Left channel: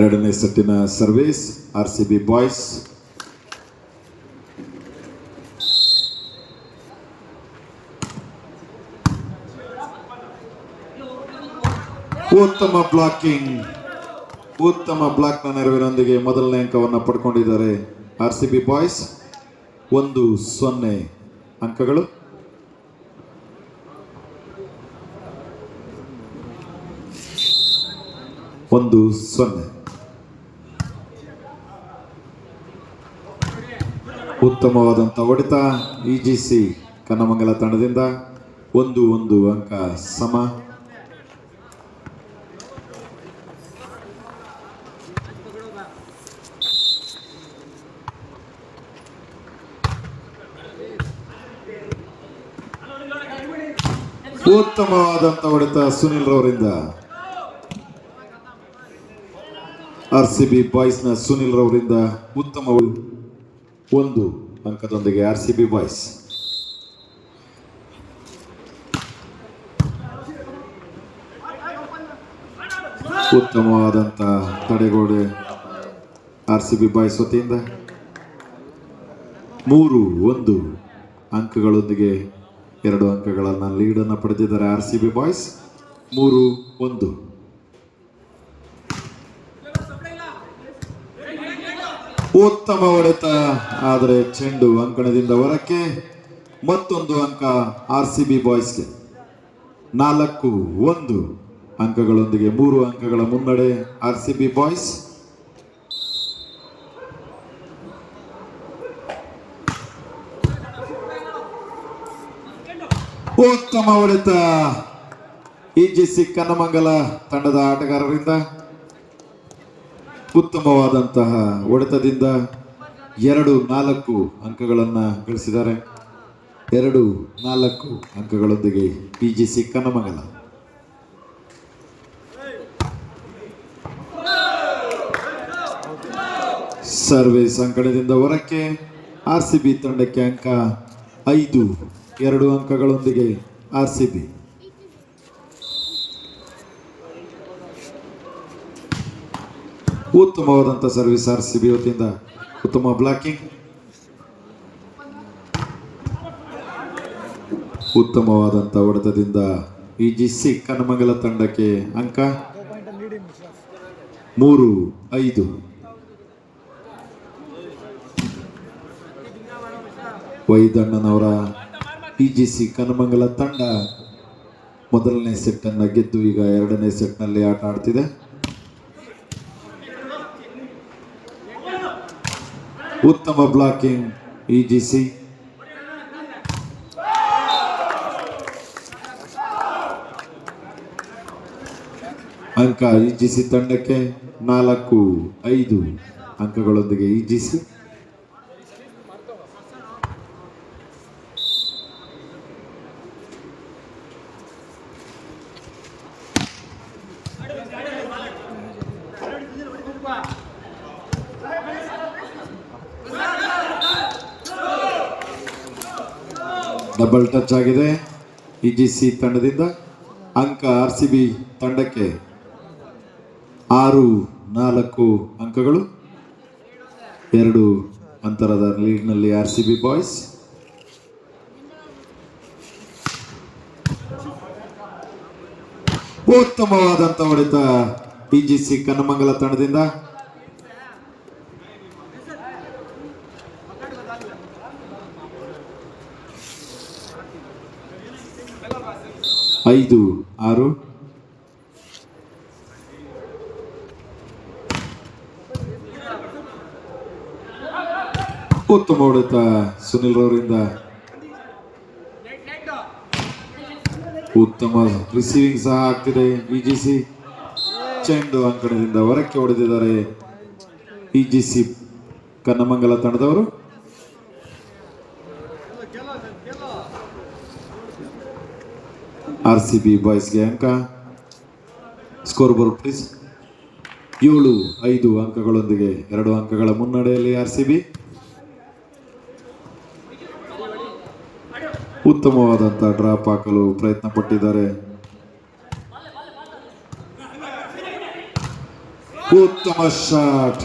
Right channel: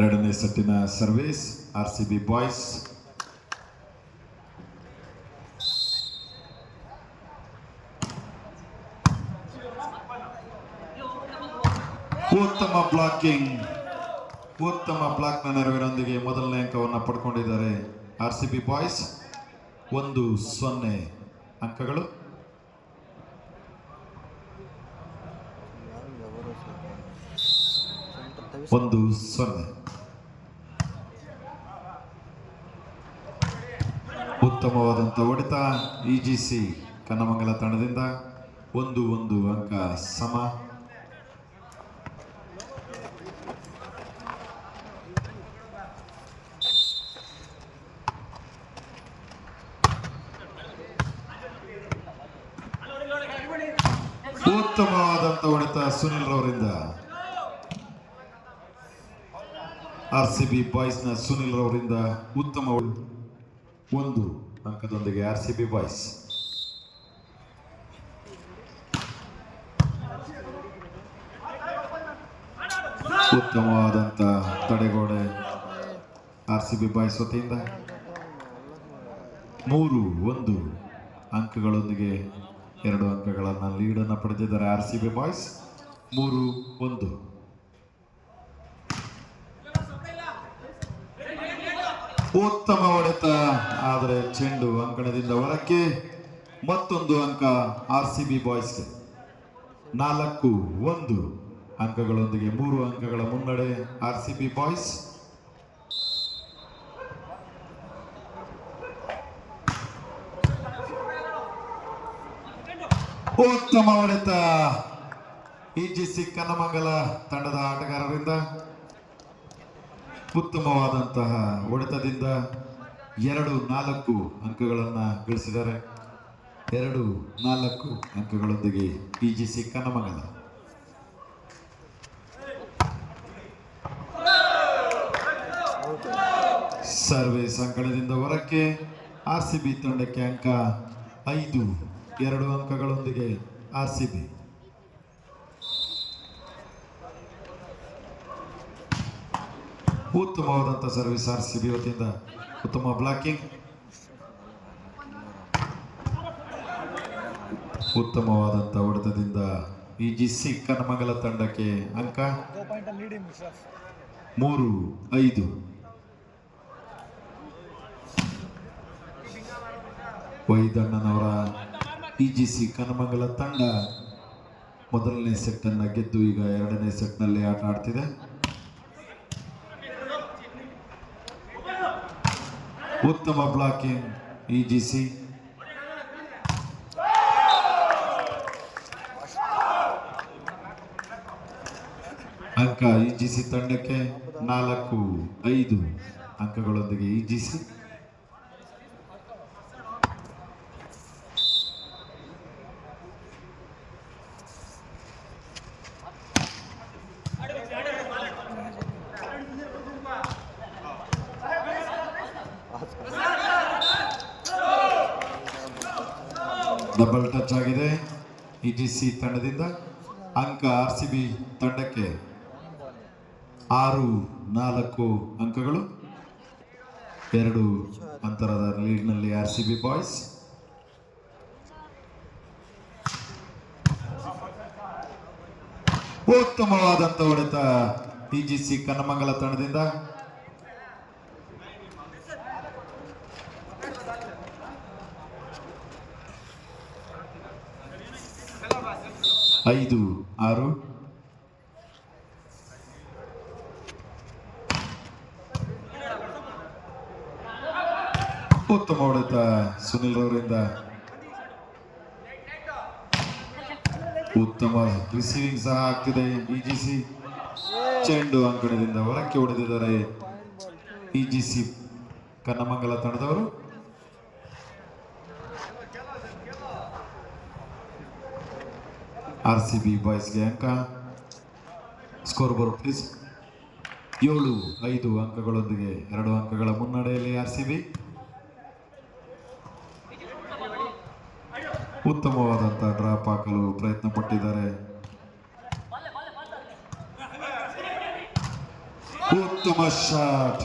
ಎರಡನೇ ಸೆಟ್ಟಿನ service RCB boys. ಉತ್ತಮ ಬ್ಲಾಕ್ನ ನೆರವಿನೊಂದಿಗೆ ಮೊದಲನೇ ಅಂಕವನ್ನು ಪಡ್ಕೊಂಡಿದ್ದಾರೆ RCB ಬಾಯ್ಸ್. 1-0 ಅಂಕಗಳು. ಉತ್ತಮವಾದಂಥ ಹೊಡೆತ EGC ಕನ್ನಮಂಗಲ ತಂಡದಿಂದ. 1-1 ಅಂಕ ಸಮ. ಉತ್ತಮವಾದಂಥ ಹೊಡೆತ ಸುನಿಲ್ ರವರಿಂದ. RCB ಬಾಯ್ಸ್ನ ಸುನಿಲ್ ರವರಿಂದ ಉತ್ತಮ 1 ಅಂಕದೊಂದಿಗೆ RCB ಬಾಯ್ಸ್. ಉತ್ತಮವಾದಂಥ ತಡೆಗೋಡೆ RCB ಬಾಯ್ಸ್ ವತಿಯಿಂದ. 3-1 ಅಂಕಗಳೊಂದಿಗೆ 2 ಅಂಕಗಳನ್ನು ಲೀಡನ್ನು ಪಡೆದಿದ್ದಾರೆ RCB ಬಾಯ್ಸ್. 3-1. ಉತ್ತಮ ಹೊಡೆತ, ಆದರೆ ಚೆಂಡು ಅಂಕಣದಿಂದ ಹೊರಕ್ಕೆ. ಮತ್ತೊಂದು ಅಂಕ RCB ಬಾಯ್ಸ್ಗೆ. 4-1 ಅಂಕಗಳೊಂದಿಗೆ 3 ಅಂಕಗಳ ಮುನ್ನಡೆ RCB ಬಾಯ್ಸ್. ಉತ್ತಮ ಹೊಡೆತ EGC ಕನ್ನಮಂಗಲ ತಂಡದ ಆಟಗಾರರಿಂದ. ಉತ್ತಮವಾದಂತಹ ಹೊಡೆತದಿಂದ 2-4 ಅಂಕಗಳನ್ನು ಗಳಿಸಿದ್ದಾರೆ. 2-4 ಅಂಕಗಳೊಂದಿಗೆ EGC ಕನ್ನಮಂಗಲ. ಸರ್ವಿಸ್ ಅಂಕಣದಿಂದ ಹೊರಕ್ಕೆ. RCB ತಂಡಕ್ಕೆ ಅಂಕ 5. 2 ಅಂಕಗಳೊಂದಿಗೆ RCB. ಉತ್ತಮವಾದಂಥ ಸರ್ವಿಸ್ RCB ವತಿಯಿಂದ. ಉತ್ತಮ ಬ್ಲಾಕಿಂಗ್. ಉತ್ತಮವಾದಂಥ ಹೊಡೆತದಿಂದ EGC ಕನ್ನಮಂಗಲ ತಂಡಕ್ಕೆ ಅಂಕ 3-5. ವೈದಣ್ಣನವರ EGC ಕನ್ನಮಂಗಲ ತಂಡ ಮೊದಲನೇ ಸೆಟ್ ಅನ್ನು ಗೆದ್ದು ಈಗ ಎರಡನೇ ಸೆಟ್ನಲ್ಲಿ ಆಟ ಆಡ್ತಿದೆ. ಉತ್ತಮ ಬ್ಲಾಕಿಂಗ್ EGC. ಅಂಕ EGC ತಂಡಕ್ಕೆ 4-5 ಅಂಕಗಳೊಂದಿಗೆ EGC. ಡಬಲ್ ಟಚ್ ಆಗಿದೆ EGC ತಂಡದಿಂದ. ಅಂಕ RCB ತಂಡಕ್ಕೆ 6-4 ಅಂಕಗಳು. 2 ಅಂತರದ ಲೀಡ್ನಲ್ಲಿ RCB ಬಾಯ್ಸ್. ಉತ್ತಮವಾದಂಥ ಹೊಡೆತ EGC ಕನ್ನಮಂಗಲ ತಂಡದಿಂದ. 5-6. ಉತ್ತಮ ಹೊಡೆತ ಸುನಿಲ್ ರವರಿಂದ. ಉತ್ತಮ ರಿಸೀವಿಂಗ್ ಸಹ ಆಗ್ತಿದೆ EGC. ಚೆಂಡು ಅಂಕಣದಿಂದ ಹೊರಕ್ಕೆ ಹೊಡೆದಿದ್ದಾರೆ EGC ಕನ್ನಮಂಗಲ ತಂಡದವರು. RCB ಬಾಯ್ಸ್ಗೆ ಅಂಕ. Score board please. 7-5 ಅಂಕಗಳೊಂದಿಗೆ 2 ಅಂಕಗಳ ಮುನ್ನಡೆಯಲ್ಲಿ RCB. ಉತ್ತಮವಾದಂಥ ಡ್ರಾಪ್ ಹಾಕಲು ಪ್ರಯತ್ನ ಪಟ್ಟಿದ್ದಾರೆ. ಉತ್ತಮ ಶಾಟ್,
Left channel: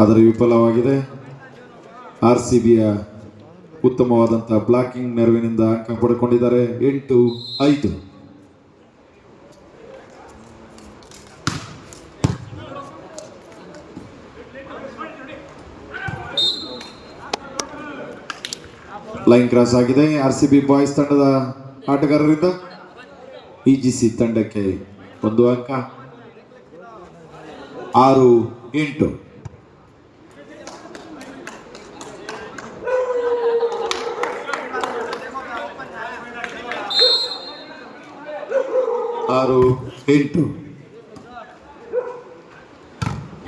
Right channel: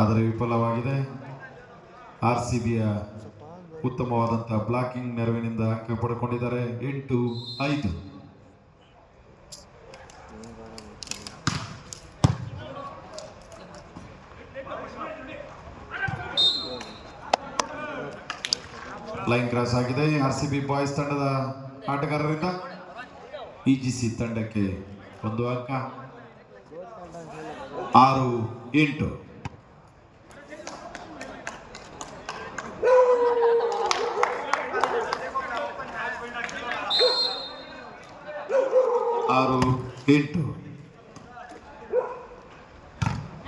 ಆದರೆ ವಿಫಲವಾಗಿದೆ. RCBಯ ಉತ್ತಮವಾದಂತಹ ಬ್ಲಾಕಿಂಗ್ ನೆರವಿನಿಂದ ಅಂಕ ಪಡೆದುಕೊಂಡಿದ್ದಾರೆ. 8-5. ಲೈನ್ ಕ್ರಾಸ್ ಆಗಿದೆ. RCB ಬಾಯ್ಸ್ ತಂಡದ ಆಟಗಾರರಿಂದ EGC ತಂಡಕ್ಕೆ 1 ಅಂಕ. 6-8.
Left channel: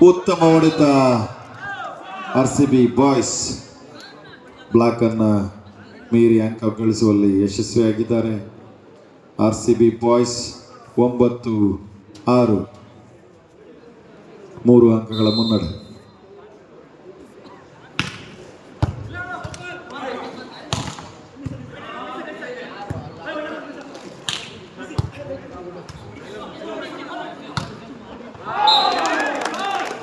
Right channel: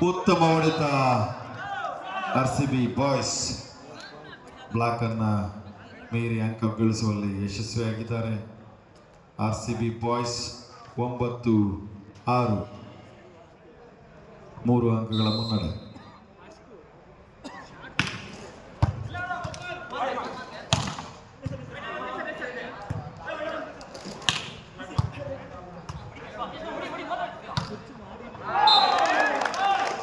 ಉತ್ತಮ ಹೊಡೆತ. RCB ಬಾಯ್ಸ್ ಬ್ಲಾಕ್ ಅನ್ನ ಮೀರಿ ಅಂಕ ಗಳಿಸುವಲ್ಲಿ ಯಶಸ್ವಿಯಾಗಿದ್ದಾರೆ. RCB ಬಾಯ್ಸ್ 9-6, 3 ಅಂಕಗಳ ಮುನ್ನಡೆ.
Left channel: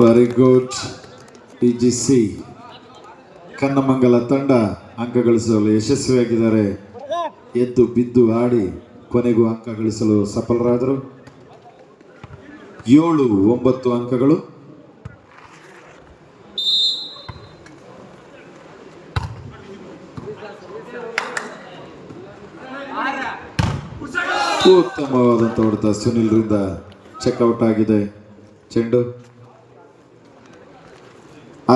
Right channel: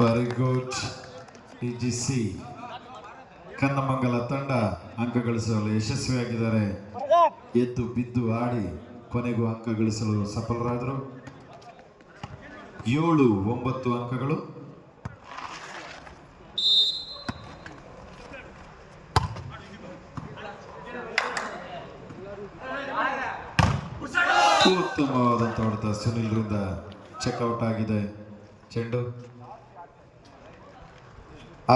Very good. EGC ಕನ್ನಮಂಗಲ ತಂಡ ಅಂಕ ಗಳಿಸಲು ಯಶಸ್ವಿಯಾಗಿದ್ದಾರೆ. ಎದ್ದು ಬಿದ್ದು ಆಡಿ ಕೊನೆಗೂ ಅಂಕ ಗಳಿಸಲು ಸಫಲರಾದರು. 7-9 ಅಂಕಗಳು. ಉತ್ತಮವಾದಂಥ ಹೊಡೆತ ಸುನಿಲ್ರಿಂದ ಚೆಕ್ಔಟ್ ಆಗಿದೆ ಚೆಂಡು.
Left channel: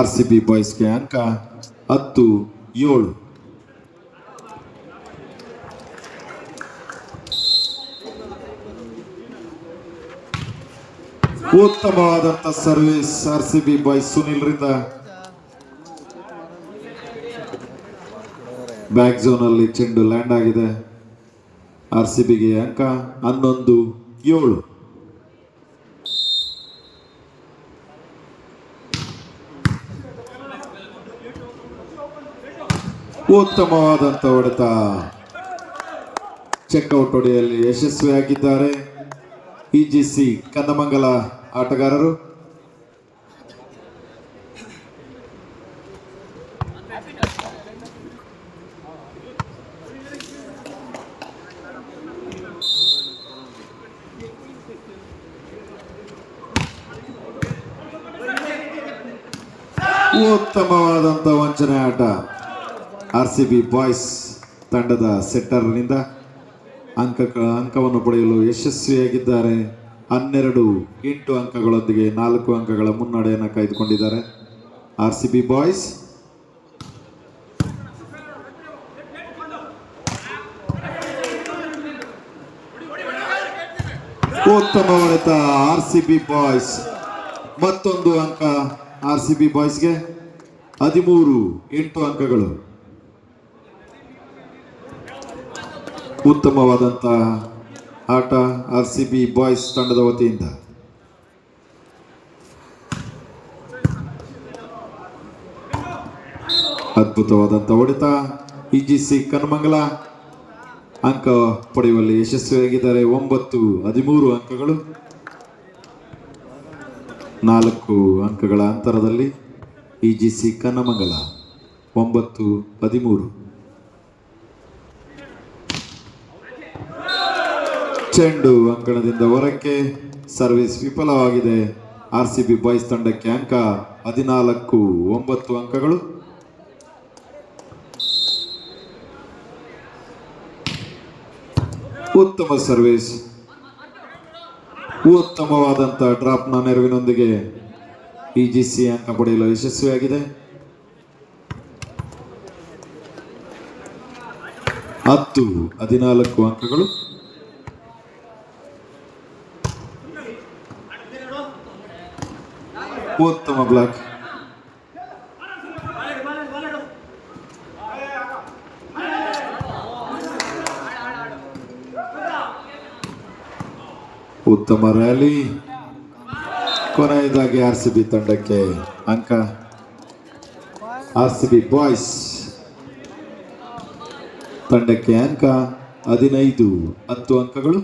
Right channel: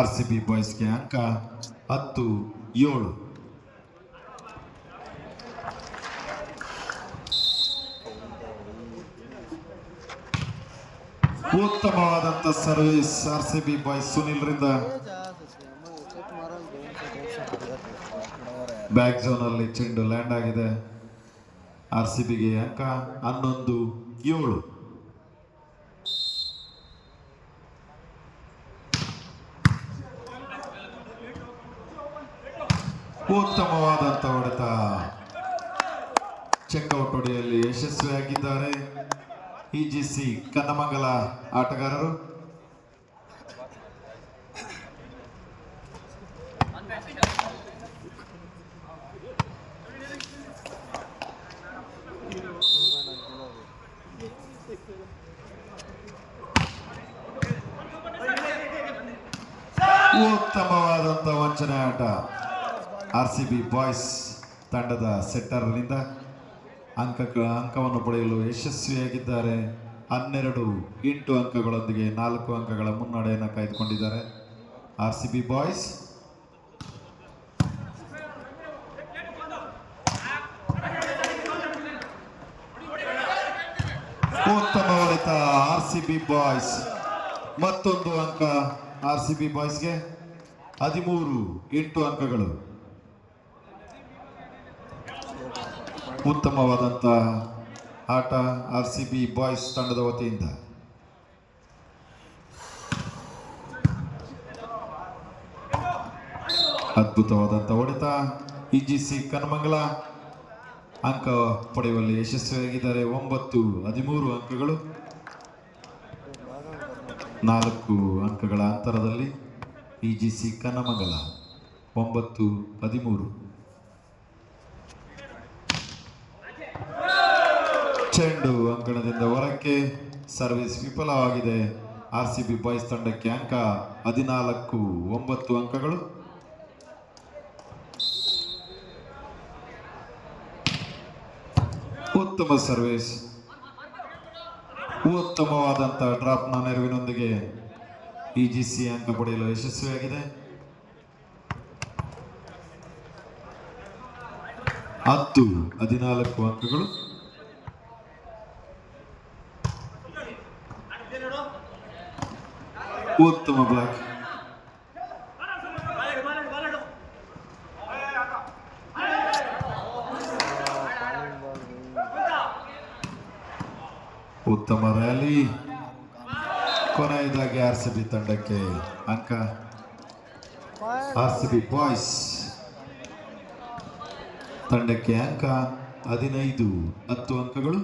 RCB ಬಾಯ್ಸ್ಗೆ ಅಂಕ 10-7. ಉತ್ತಮವಾದಂಥ ಸರ್ವಿಸ್ RCB ಬಾಯ್ಸ್ ಸುನಿಲ್ರಿಂದ. ಬ್ಯಾಕ್ ಝೋನ್ ಅಲ್ಲಿ ಚೆಂಡು ಲ್ಯಾಂಡ್ ಆಗಿದೆ. RCBಗೆ ಅಂಕ 11-7. ಉತ್ತಮವಾದಂಥ ಹೊಡೆತ. ಚೆಕ್ಔಟ್ ಹೊಡೆಯಲ್ಲಿ ಯಶಸ್ವಿಯಾಗಿದ್ದಾರೆ EGC ಕನ್ನಮಂಗಲ ಆಟಗಾರರು. ಉತ್ತಮವಾದಂಥ ವಂಚನೆ ಆಟ. RCB ಬಾಯ್ಸ್ ತಂಡದ ಸೆಟ್ಟರ್ನಿಂದ ಅಂಕವನ್ನು ಪಡೆಯಲು ಯಶಸ್ವಿಯಾಗಿದ್ದಾರೆ. 12-8 ಅಂಕಗಳೊಂದಿಗೆ 4 ಅಂಕಗಳ ಮುನ್ನಡೆಯನ್ನು ಕಾಯ್ದುಕೊಂಡಿದ್ದಾರೆ RCB ಬಾಯ್ಸ್. ಉತ್ತಮ ಹೊಡೆತ RCB ಬಾಯ್ಸ್. ಮತ್ತೊಂದು ಅಂಕ RCB ಬಾಯ್ಸ್ಗೆ. 13-8 ಅಂಕಗಳು. ಉತ್ತಮವಾದಂಥ ಆಟ RCB ಬಾಯ್ಸ್ ತಂಡದ ವತಿಯಿಂದ. ಅದ್ಭುತವಾದಂಥ ಹೊಡೆತ. EGC ಕನ್ನಮಂಗಲ ಅಂಕ ಪಡೆಯುವಲ್ಲಿ ಯಶಸ್ವಿಯಾಗಿದ್ದಾರೆ. 9-13 ಅಂಕಗಳು. 4 ಅಂಕಗಳ ಅಂತರದಲ್ಲಿ EGC ಕನ್ನಮಂಗಲ 9-13. ಚೆಂಡು ಅಂಕಣದಿಂದ ಹೊರಕ್ಕೆ. ಸರ್ವಿಸ್ ವಿಫಲವಾಗಿದೆ. RCB ಬಾಯ್ಸ್ ತಂಡಕ್ಕೆ ಅಂಕ 14-9 ಅಂಕಗಳು. ಉತ್ತಮ ಸರ್ವಿಸ್. ಉತ್ತಮವಾದಂಥ ಡ್ರಾಪ್ನ ನೆರವಿನೊಂದಿಗೆ EGC ಅಂಕ ಪಡೆಯಲು ಯಶಸ್ವಿಯಾಗಿದೆ. 10-14 ಅಂಕಗಳು. ಉತ್ತಮ ಬ್ಲಾಕ್. ಉತ್ತಮ ರ್ಯಾಲಿ. ಕೊನೆಯದಾಗಿ RCB ತಂಡಕ್ಕೆ ಅಂಕ. RCB ಬಾಯ್ಸ್ ತಂಡಕ್ಕೆ ಅಂಕ 15-10 ಅಂಕಗಳು.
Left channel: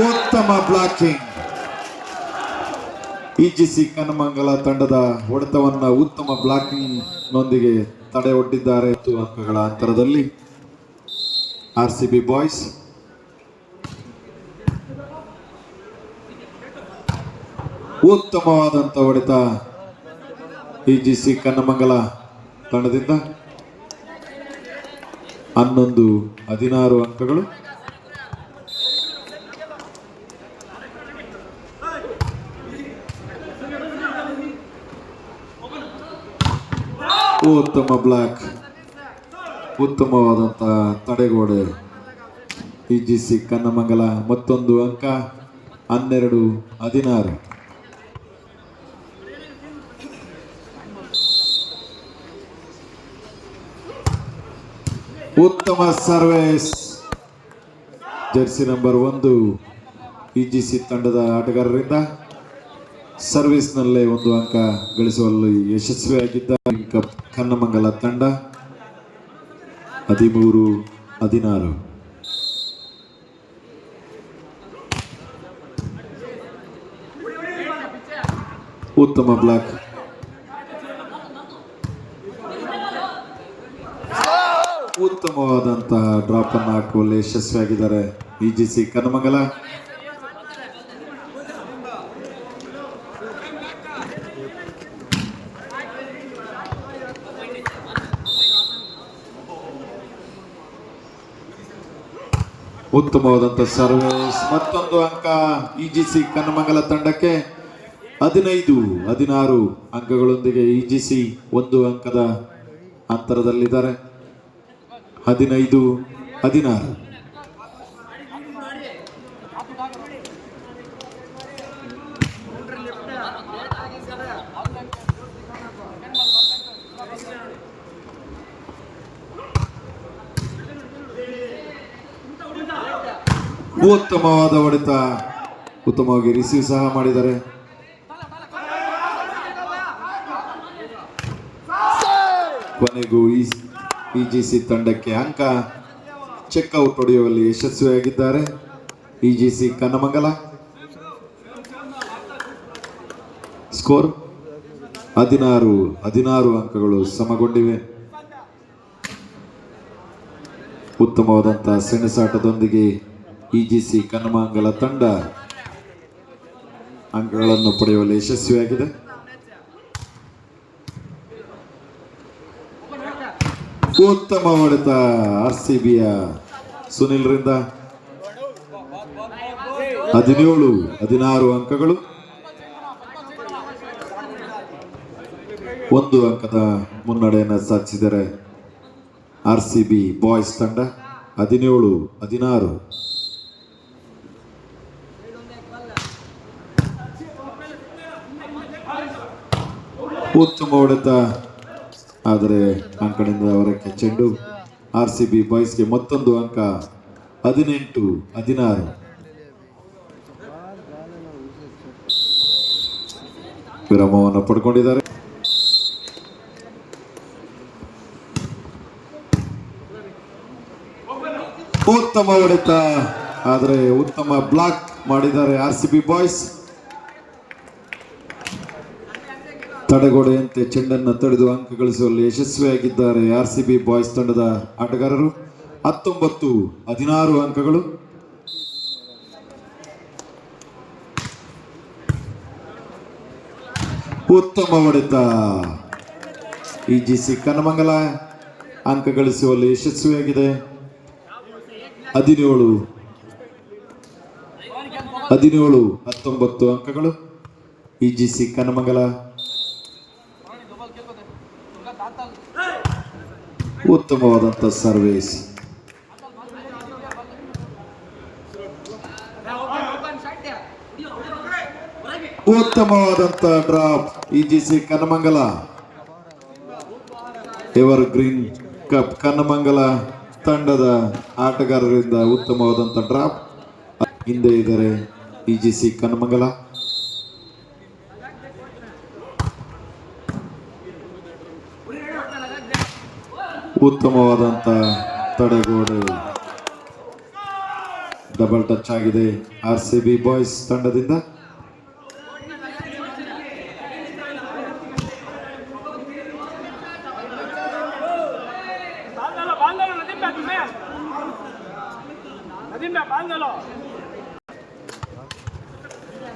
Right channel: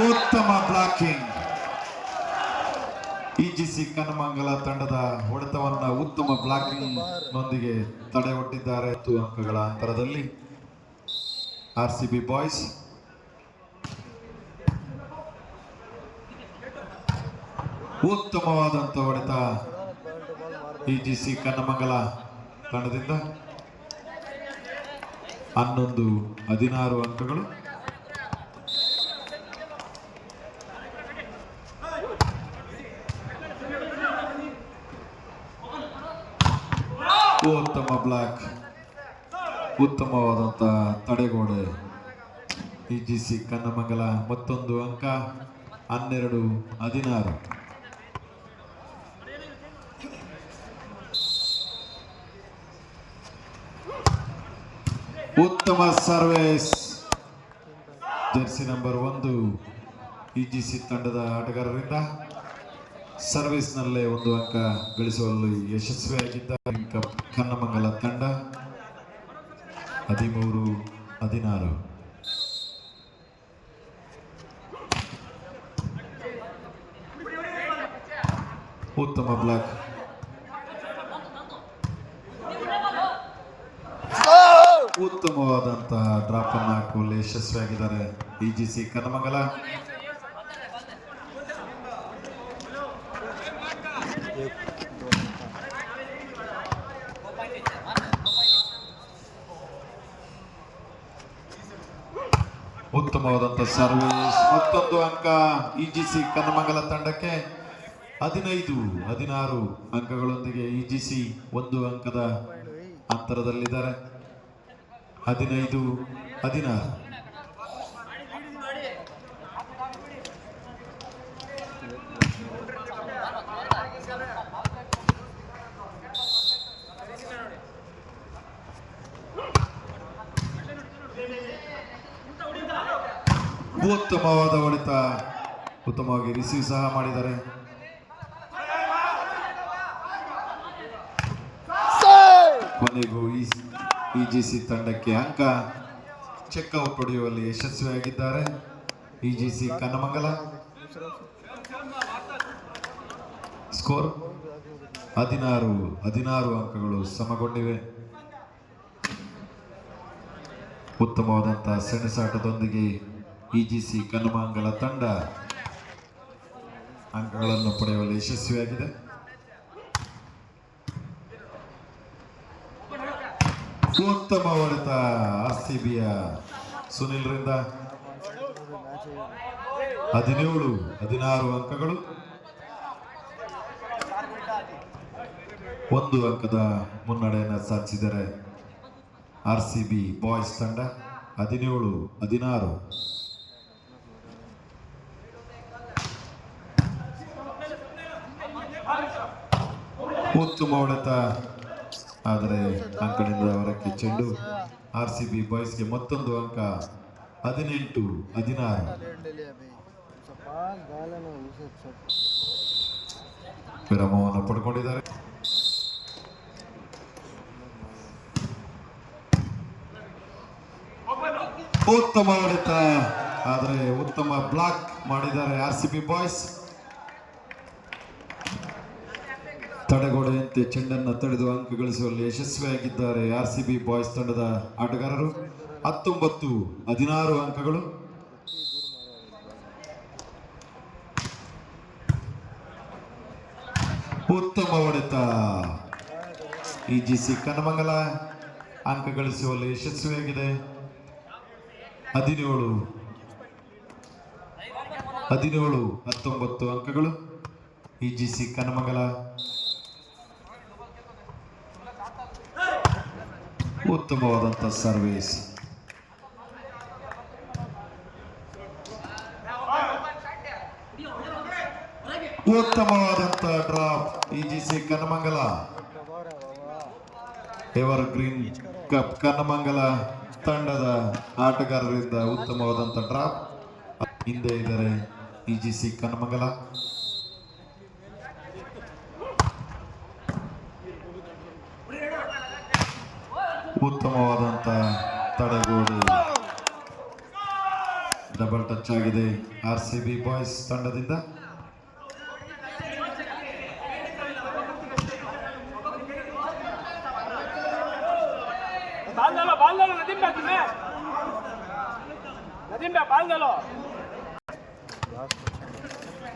ಉತ್ತಮ ಬ್ಲಾಕಿಂಗ್. ಇಜಿಸಿ ಕನ್ನಮಂಗಲ ತಂಡದ ಹೊಡೆತವನ್ನ ಉತ್ತಮ ಬ್ಲಾಕಿಂಗ್ ನೊಂದಿಗೆ ತಡೆ ಒಡ್ಡಿದ್ದಾರೆ. 10 ಅಂಕಗಳ ಅಂತರದಲ್ಲಿ ಆರ್ಸಿಬಿ ಬಾಯ್ಸ್. ಉತ್ತಮವಾದಂತ ಹೊಡೆತ ಇಜಿಸಿ ಕನ್ನಮಂಗಲ ತಂಡದಿಂದ. 11-16 ಅಂಕಗಳು. ಉತ್ತಮ ಬ್ಲಾಕ್, ಉತ್ತಮವಾದಂತಹ ತಡೆಗೋಡೆ ಇಜಿಸಿ ಕನ್ನಮಂಗಲ. ಮತ್ತೊಂದು ಅಂಕ 12-16. ಉತ್ತಮ ಸರ್ವಿಸ್ ಜರ್ಸಿ ನಂಬರ್ 1 ಇಜಿಸಿ ತಂಡದ ಆಟಗಾರರಿಂದ. ಸರ್ವಿಸ್ನಲ್ಲೇ 1 ಅಂಕ ಗಳಿಸುವಲ್ಲಿ ಯಶಸ್ವಿಯಾಗಿದ್ದ ಕನ್ನಮಂಗಲ ತಂಡ. 13-16. ಉತ್ತಮ ಬ್ಲಾಕ್. ಉತ್ತಮವಾದಂತಹ ಡ್ರಾಪ್ ಅನ್ನು ಹಾಕುವಲ್ಲಿ ಯಶಸ್ವಿಯಾಗಿದ್ದಾರೆ ಇಜಿಸಿ ಕನ್ನಮಂಗಲ. ಉತ್ತಮವಾದಂತಹ ಸರ್ವಿಸ್. ಮತ್ತೊಂದು ಅಂಕ ಇಜಿಸಿ ಕನ್ನಮಂಗಲ ತಂಡಕ್ಕೆ. 15-16 ಅಂಕಗಳೊಂದಿಗೆ ಇಜಿಸಿ 1 ಅಂಕದ ಅಂತರದಲ್ಲಿದ್ದಾರೆ. 15-16. ಉತ್ತಮವಾದ ಹೊಡೆತ, ಉತ್ತಮವಾಗಿ ರಿಸೀವ್ ಸಹ ಮಾಡಿದ್ದಾರೆ. ಕೊನೆಗೂ ಇಜಿಸಿ ತಂಡಕ್ಕೆ ಅಂಕ. ಚೆಕ್ಔಟ್ ಹೊಡೆಯುವಲ್ಲಿ ಯಶಸ್ವಿಯಾಗಿದ್ದಾರೆ ಇಜಿಸಿ ಕನ್ನಮಂಗಲ. ಸ್ಕೋರ್ 16 ಅಂಕಗಳು ಸಮಗೊಂಡಿವೆ. ಉತ್ತಮವಾದಂತಹ ಸೆಣಸಾಟದೊಂದಿಗೆ ಇಜಿಸಿ ಕನ್ನಮಂಗಲ ತಂಡ ಅಂಕಗಳನ್ನು ಪಡೆಯುವಲ್ಲಿ ಯಶಸ್ವಿಯಾಗಿದೆ. ಉತ್ತಮ ಹೊಡೆತ ಆರ್ಸಿಬಿಯ ಸುನಿಲ್ ರಿಂದ. 17-16 ಅಂಕಗಳು. 1 ಅಂಕದ ಮುನ್ನಡೆಯನ್ನು ಸಾಧಿಸಿದರೆ ಆರ್ಸಿಬಿ ಬಾಯ್ಸ್ ತಂಡ. 17-16. ಉತ್ತಮ ಹೊಡೆತ, ಆದರೆ ಅಂಕದಿಂದ ಹೊರಕ್ಕೆ ಚೆಂಡು. ಆರ್ಸಿಬಿ ಬಾಯ್ಸ್ಗೆ ಮತ್ತೊಂದು ಅಂಕ. 18-16. ವಿರಾಮವನ್ನು ಪಡ್ಕೊಂಡಿದ್ದಾರೆ. ಉತ್ತಮ ಹೊಡೆತ, ಆದರೆ ಉತ್ತಮ ಬ್ಲಾಕ್ ಮಾಡಿದ್ದಾರೆ ಆರ್ಸಿಬಿ ಬಾಯ್ಸ್. ತಡೆಗೋಡೆಯಂತೆ ಚೆಂಡನ್ನು ತಡೆದು ಅಂಕ ಗಳಿಸುವಲ್ಲಿ ಯಶಸ್ವಿಯಾಗಿದ್ದಾರೆ ಆರ್ಸಿಬಿ ಬಾಯ್ಸ್ ತಂಡದ ಆಟಗಾರರು. 19-16 ಅಂಕಗಳು. ಉತ್ತಮ ಹೊಡೆತ, ಇಜಿಸಿ ಕನ್ನಮಂಗಲ ಅಂಕ ಗಳಿಸುವಲ್ಲಿ ಯಶಸ್ವಿಯಾಗಿದೆ. 17-19 ಅಂಕಗಳು ಇಜಿಸಿ ಕನ್ನಮಂಗಲ. ಉತ್ತಮವಾದಂತ ಸರ್ವಿಸ್. ಉತ್ತಮವಾದಂತ drop EGC Kannamangala. Evergreen cup Kannamangala ತಂಡದ ಆಟಗಾರರಿಂದ ಉತ್ತಮವಾದಂತ ಡ್ರಾಪ್. ಹಿಂದೆ ಇದ್ದಾರೆ ಇಜಿಸಿ ಕನ್ನಮಂಗಲ. ಉತ್ತಮವಾದಂತ ತಡೆಗೋಡೆ ಡಬಲ್ ಟಚ್ ಆಗಿದೆ RCB ಬಾಯ್ಸ್ ತಂಡದಿಂದ.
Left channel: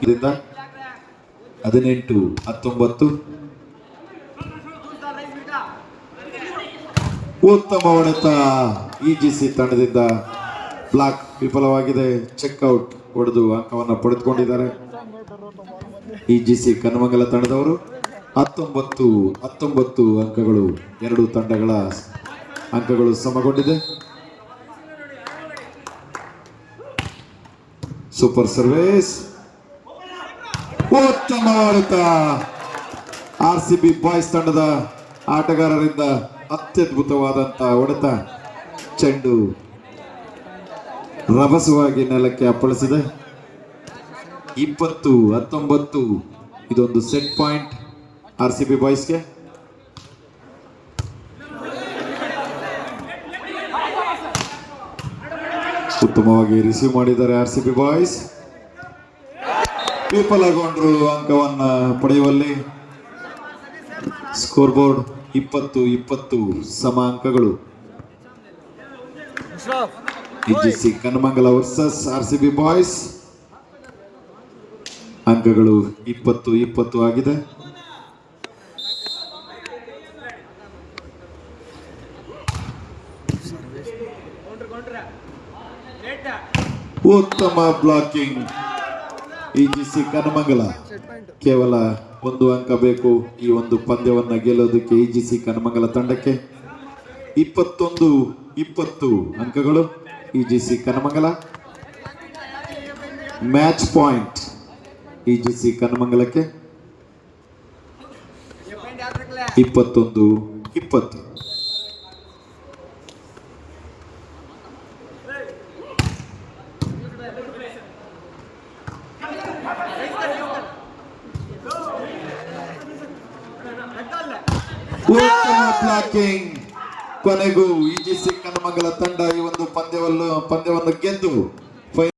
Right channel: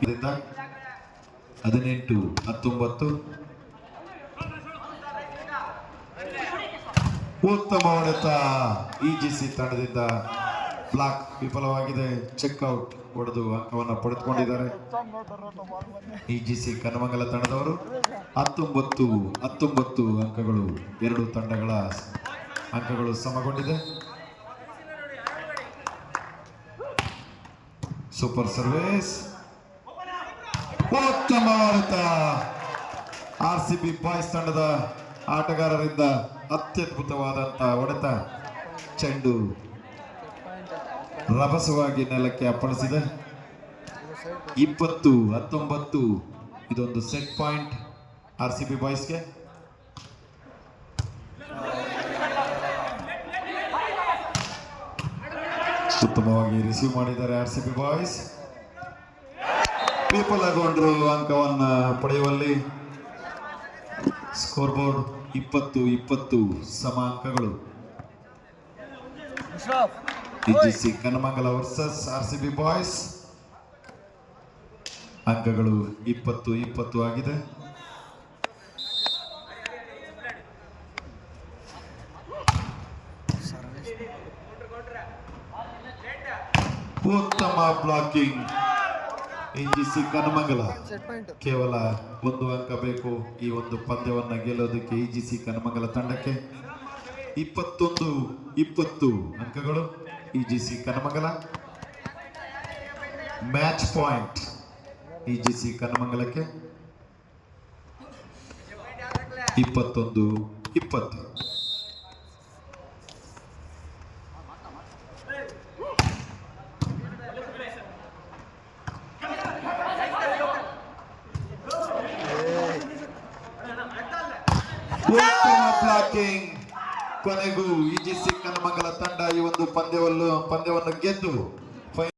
ಇದರಿಂದ 18-19. ಉತ್ತಮ ಹೊಡೆತ EGC ತಂಡದಿಂದ. ಬ್ಲಾಕ್ ವಿಫಲವಾಗಿದೆ. ಚೆಕ್ಔಟ್ ಹೊಡೆದು ಅಂಕವನ್ನು ಪಡೆದುಕೊಂಡಿದ್ದಾರೆ EGC ಕನ್ನಮಂಗಲ ತಂಡದವರು. 19-19 ಅಂಕಗಳು. ಎರಡು ತಂಡಗಳ ಅಂಕಗಳು ಸಮಗೊಂಡಿದೆ. Super service. ಉತ್ತಮ ಹೊಡೆತ RCB ಬಾಯ್ಸ್ ತಂಡದ ಆಟಗಾರರಿಂದ. ಅತ್ಯದ್ಭುತವಾದಂತಹ ಹೊಡೆತ. ಚೆಂಡು ರಭಸವಾಗಿ ನೆಲಕ್ಕೆ ಅಪ್ಪಳಿಸಿದೆ. 20-19 ಇದೊಂದು ಸೆಟ್ ಪಾಯಿಂಟ್ RCB ಬಾಯ್ಸ್ಗೆ. ಉತ್ತಮವಾಗಿ ರಿಸೀವ್ ಮಾಡಿದ್ದಾರೆ RCB ಬಾಯ್ಸ್. ವಿಫಲಗೊಂಡರು ಅಂಕವನ್ನು ಪಡೆಯುವಲ್ಲಿ. ಸ್ಕೋರ್ ಬೋರ್ಡ್ 20-20 ಸಮ ಅಂಕಗಳು. EGC Kannamangala versus RCB boys. ಅಂಕಗಳು 20-20 ಆಗಿದೆ. ಉತ್ತಮ ಬ್ಲಾಕಿಂಗ್ EGC ಕನ್ನಮಂಗಲ. ಕೇವಲ ಒಂದು ಅಂಕ ಬೇಕು ಈ ಒಂದು ಪಂದ್ಯವನ್ನು ಗೆಲ್ಲೋದಕ್ಕೆ EGC ಕನ್ನಮಂಗಲ ತಂಡಕ್ಕೆ. 21-20 ಅಂಕಗಳು EGC Kannamangala. Match point EGC ಕನ್ನಮಂಗಲಕ್ಕೆ. 21-20. ಉತ್ತಮ ಬ್ಲಾಕಿಂಗ್. ಕೊನೆಗೂ EGC ಕನ್ನಮಂಗಲ ತಂಡ ಈ ಒಂದು ಪಂದ್ಯವನ್ನು ಗೆದ್ದು